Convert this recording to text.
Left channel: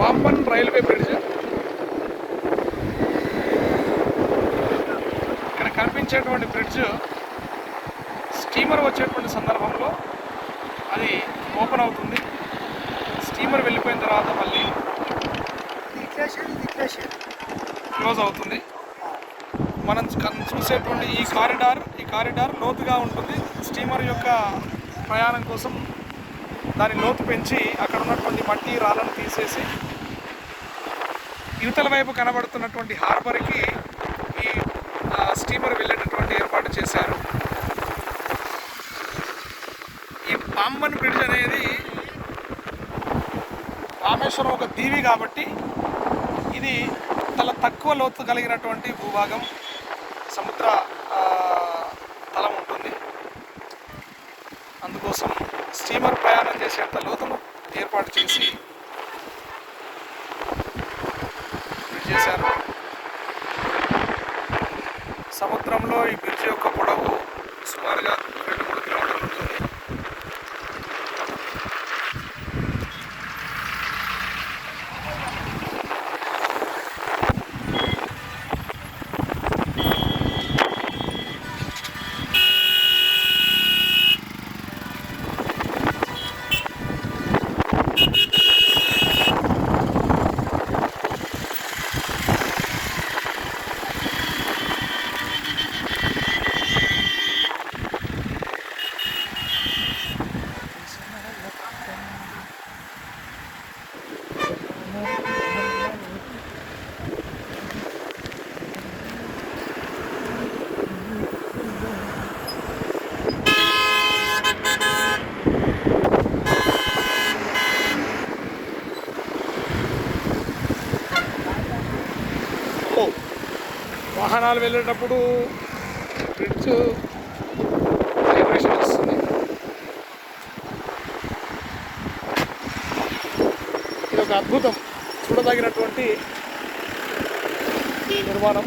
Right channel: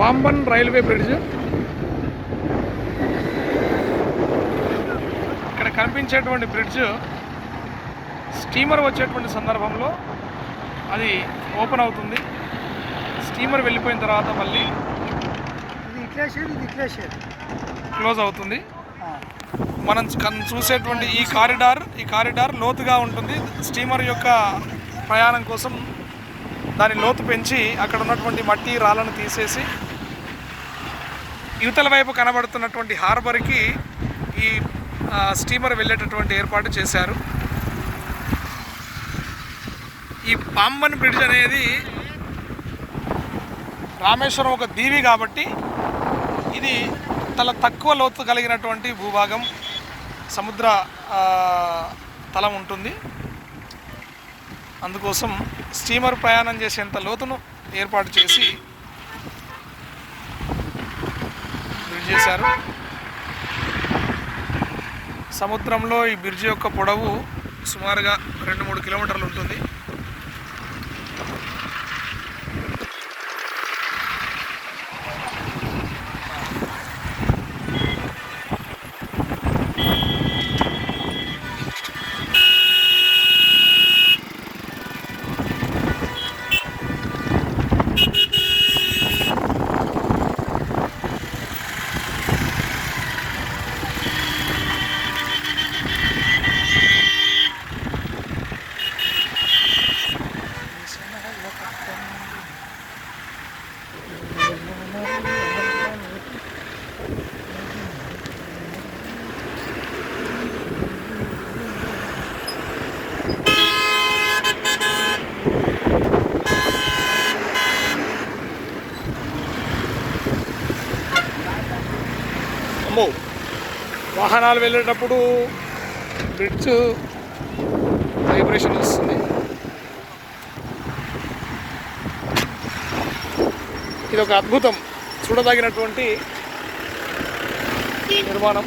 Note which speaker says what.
Speaker 1: Pamban railway bridge. ఇక్కడ కనిపించేటువంటి bridge steamer వచ్చేటువంటి సందర్భంలో అది ఓపెన్ అవుతుంది. స్టీమర్ వెళ్ళిపోయిన తర్వాత మళ్ళీ క్లోజ్ అవుతుంది. మనం చూసేటువంటి ఈ కారిడార్ ఈ కారిడార్ లోతుగా ఉంటుంది. స్టీమర్ యొక్క ప్రయాణం కోసం దాని లోతు పెంచి అక్కడ ఉన్నటువంటి మట్టి రాళ్ళను తీసేసి యువతల వైపు కనబడుతున్నటువంటి హార్బర్కి ఈ స్టీమర్ వెళ్ళేటటువంటి ఏర్పాటు చేశారు. ఈ పాంబన్ బ్రిడ్జ్ అనేది రామేశ్వరం ఒక దీవి కాబట్టి ఇది చాలా తక్కువ లోతు కలిగినటువంటి భూభాగం సముద్ర తలం ఉంటుంది. అందుకోసం స్టీమర్ ప్రయాణం చేసేంత లోతును ఏర్పాటు చేసి బ్రిడ్జ్ చేశారు. సముద్రంలో ఈ బ్రిడ్జ్ యొక్క పొడవు సుమారుగా రెండు మూడు కిలోమీటర్లు ఉంటుంది. అమ్మో వాహనాలు వెళ్ళేటప్పుడు బ్రిడ్జ్ వైబ్రేషన్ వస్తుంది. ఇది ఒక అద్భుతం. చూడదగినటువంటి నిర్మాణం.